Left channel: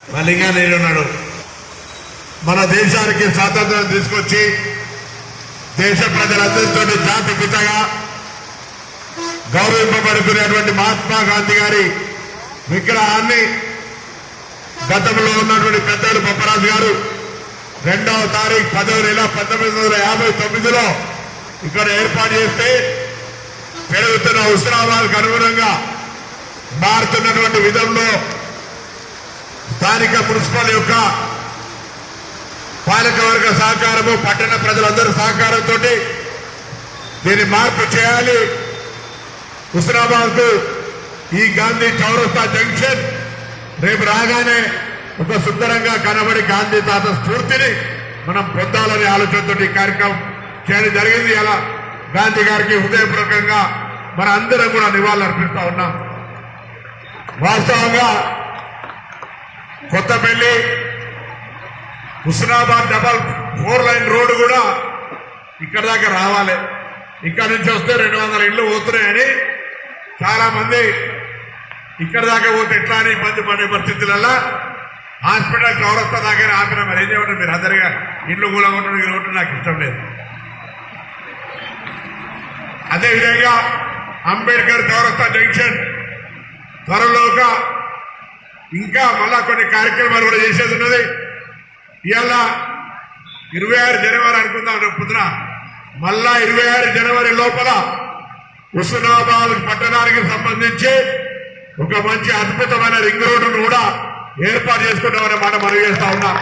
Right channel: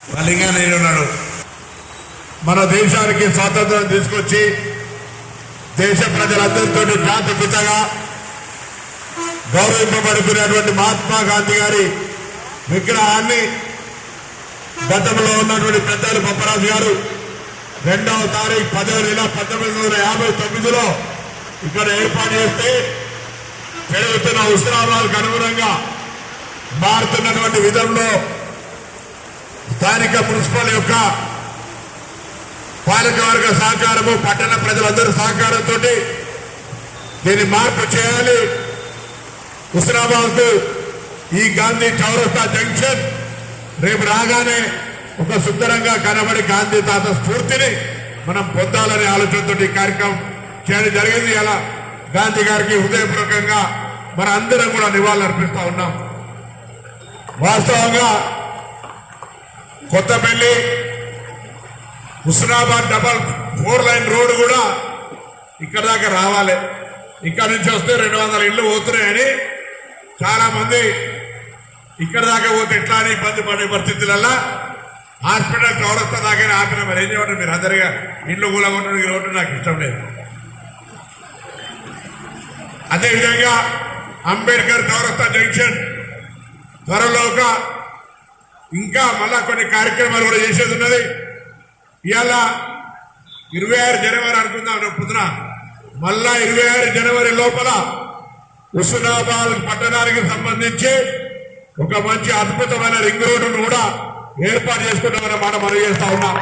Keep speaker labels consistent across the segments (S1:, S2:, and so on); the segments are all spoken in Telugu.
S1: ఉన్నాడు మన దేశానికి స్వాతంత్రం తీసుకొచ్చి దేశ ప్రజలందరితో జాతి పితగా గౌరవింపబడుతున్నటువంటి మహాత్మా గాంధీ గారి విగ్రహాన్ని గతంలో ఉన్నటువంటి పెద్దలు బొప్పరాజు గారు రెండవ తారీఖు పదవ నెల పంతొమ్మిది వందల యాభై తొమ్మిదిలో ఇక్కడ ఏర్పాటు చేస్తే పెరుగుతున్న ఉత్సవాలకు అనుగుణంగా మారుతున్నటువంటి విధంలో స్థానిక మున్సిపల్ యొక్క పాలకవర్గ సహకారము పట్టణ ప్రజలందరూ సహకారంతో దీన్ని మార్పు చేయాలి. హుస్నాబాద్కు ఈ గాంధీ చౌరస్తా జంక్షన్ రేపు రాగానే ఒక సుందరంగా కనబడి గాంధీ తాత స్ఫూర్తిని మనం పొందాలనే ఆలోచనతో ఈ కార్యక్రమం చేయడం జరిగింది. అలా గాంధీ గారికి హృదయపూర్వకంగా మన అందరం కూడా నివాళులర్పిస్తా ఉన్నాం. వాస్తవంగా Kothapalli Husnabad double four line road కూడా ఇక్కడ దాకా రావాలి. ఇక్కడ నుంచి వస్తే రెండు వందల ఇళ్ళు పోతున్నాయని చాలామంది ఇక్కడ దాకా పోతే ఎట్లా అని ఇబ్బంది పడే పరిస్థితులలో హాస్పిటల్ చౌరస్తా దాకా ఆపిన మరి ఏం చేయమంటారు మీరు అందరిగా ఇండ్లు కూడా ఉండడం ఈ రోడ్డు నాకు ఇష్టం లేదు. అదేవిధంగా అంబేద్కర్ చౌరస్తా జంక్షన్ త్వరలోగా ఇంకా మళ్ళా కొన్ని కార్యక్రమాలు కూడా చేసేది ఉన్నది. ఇవాళ ఇరవై ఆరు జనవరి అనుకుందాం రేపు పొద్దున. మళ్ళా ఇరవై ఆరు జనవరి లోపల హుస్నాబాద్ పట్టణానికి సంబంధించి ఒక మంచి అద్భుతమైన రింగ్ రోడ్డును కూడా ఏర్పాటు చేసుకుంటామనే మాట మనం చేస్తా ఉన్నాం.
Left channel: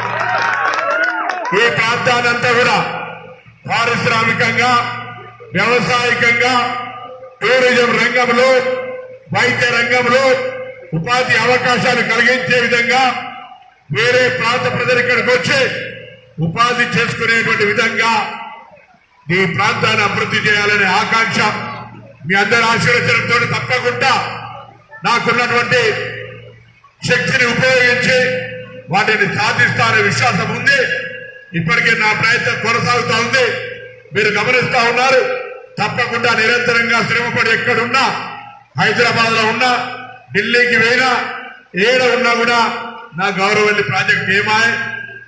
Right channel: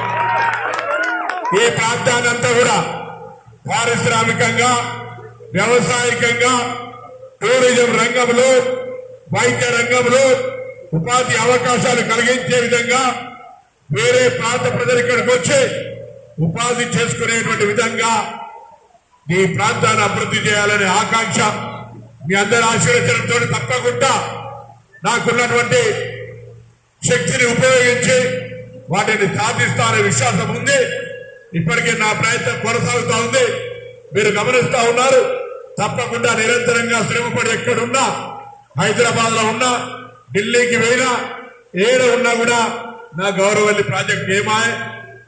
S1: ఈ ప్రాంతాన్నంతా కూడా పారిశ్రామికంగా వ్యవసాయకంగా టూరిజం రంగంలో వైద్య రంగంలో ఉపాధి అవకాశాలు కలిగించే విధంగా వేరే ప్రాంత ప్రజలు ఇక్కడికి వచ్చి ఉపాధి చేసుకునేటువంటి విధంగా ఈ ప్రాంతాన్ని అభివృద్ధి చేయాలనే ఆకాంక్ష మీ అందరి ఆశీర్వచనంతో తప్పకుండా నాకున్నటువంటి శక్తిని ఉపయోగించి వాటిని సాధిస్తానే విశ్వాసం ఉంది. ఇప్పటికే నా ప్రయత్నం కొనసాగుతా ఉంది. మీరు గమనిస్తా ఉన్నారు. తప్పకుండా నిరంతరంగా శ్రమపడి ఎక్కడున్నా హైదరాబాద్లో ఉన్నా ఢిల్లీకి వెళ్ళినా ఏడ ఉన్నా కూడా నా గౌరవల్లి ప్రాజెక్ట్ ఏమాయ్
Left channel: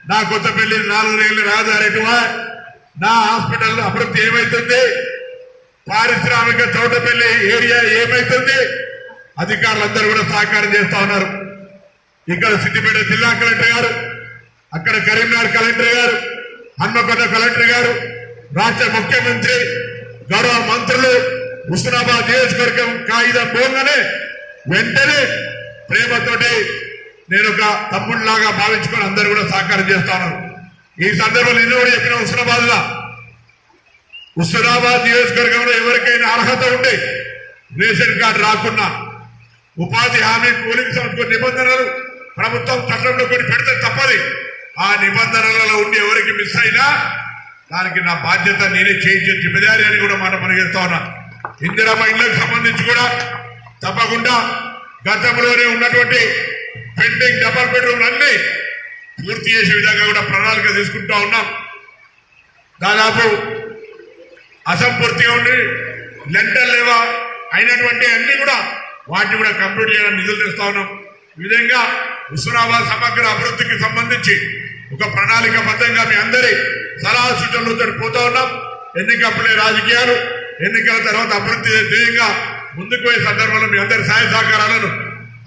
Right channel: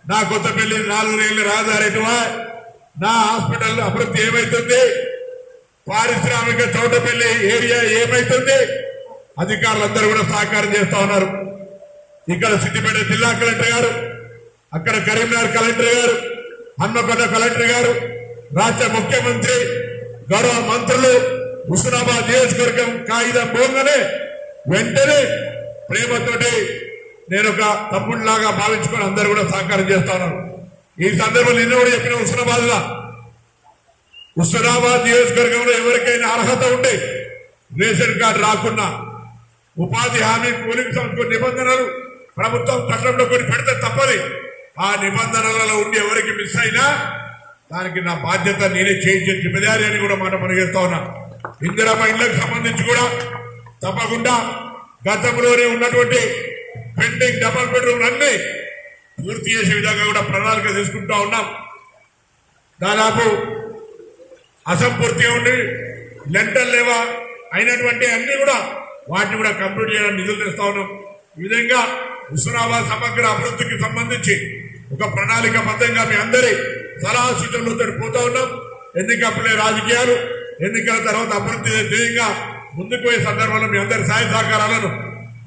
S1: నా కొత్తపల్లి నాలుగు నెలలు రహదారి నా హాస్పిటల్ అభివృద్ధి ఏమైతుంది పారిశ్రామిక చౌటపల్లి ఏరియా ఏమైతుంది అధికారులందరూ కూడా సహకారం చేస్తా ఉన్నారు. ఇక్కడ సిద్దిపేట జిల్లా కలెక్టర్ గారు అక్కడ కరీంనగర్ కలెక్టర్ గారు హన్మకొండ కలెక్టర్ గారు రాష్ట్ర ముఖ్యమంత్రి గౌరవ మంత్రులు హుస్నాబాద్ నియోజకవర్గం కాగితం పోగానే వెంటనే ప్రేమతోటి నేను ఒక తమ్ముడిలాగా భావించుకొని అందరూ కూడా సహకారం చేస్తా ఉన్నారు. ఈ సందర్భంలో నిన్న కూడా చెప్పిన హుస్నాబాద్లా హుస్నాబాద్ నియోజకవర్గంలో ఎవరికైనా అర్హత ఉంటే రేషన్ కార్డు రాకున్నా ఉపాధి హామీ కూలింగ్ సంస్థ నిబంధనలు ప్రభుత్వం చట్టంలో కొన్ని పెడితే తప్పది. ఆ నిబంధనలలో ఉండి ఎవరికి మిస్ అయినా దానికి నా బాధ్యత నేనే చేయించే జిమ్మదారి అని కూడా మాట పనిచేస్తా ఉన్నా. ఇందిరమ్మ ఇళ్ళకు సంబంధించి కూడా తప్పకుండా గతంలోనే ఉన్నటువంటి పెండింగ్ డబల్ బెడ్రూమ్ అన్ని పూర్తి చేసే విధంగా కూడా ప్రణాళిక తీసుకుంటా ఉన్నాం. దాదాపు అసంపూర్తిగా ఉండి లెంటర్ లేవా అయినటువంటి అన్ని కూడా వాటిని కూడా కంప్లీట్ చేయాలని నిధులు తెస్తా ఉన్నాం. ఈ విధంగా హుస్నాబాద్ సమగ్ర అభివృద్ధికి సంబంధించి ఒక ప్రణాళిక బద్దంగా మీ అందరి సలహా సూచనలతో పోతా ఉన్నాం. ఎన్నికప్పుడే రాజకీయాలు ఎన్నికల తర్వాత అభివృద్ధి ధ్యేయంగా ముందుకు పోయే సందర్భంలో మీ అందరి సహాయ సహకారాలను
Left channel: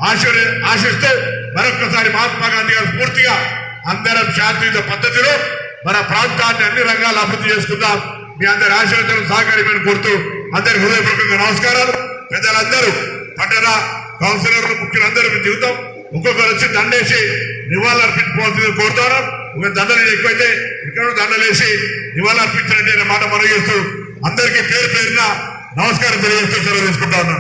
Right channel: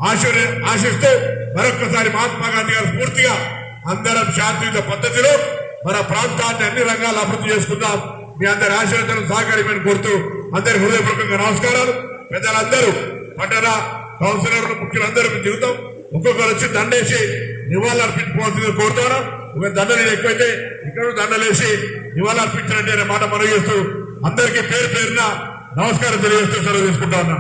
S1: ఆశీర్ ఆశిస్తూ మరొక్కసారి మహాత్మా గాంధీ గారు స్ఫూర్తిగా అందరం శాంతియుత పద్ధతిలో మన ప్రాంతాన్ని అన్ని రంగాలు అభివృద్ధి చేసుకుందాం. మీ అందరి ఆశీర్వదనం సహకారమని కోరుతూ అందరి హృదయపూర్వకంగా నమస్కారాలు. ప్రజలందరూ పట్టణ కౌన్సిలర్లు ముఖ్యులందరూ మీ దిగుతాం ఒక్కొక్కరు వచ్చి దండేసి నివాళులర్పించుకోవాల్సింది కోరుతాను. ఒక దండలు ఎక్కువైతే ఇక్కడ దండలేసి నివాళులర్పించినట్టు మాట మనం చేస్తూ అందరికీ పేరు పేరున నమస్కారం తెలియజేస్తూ సెలవు తీసుకుంటా ఉన్నాను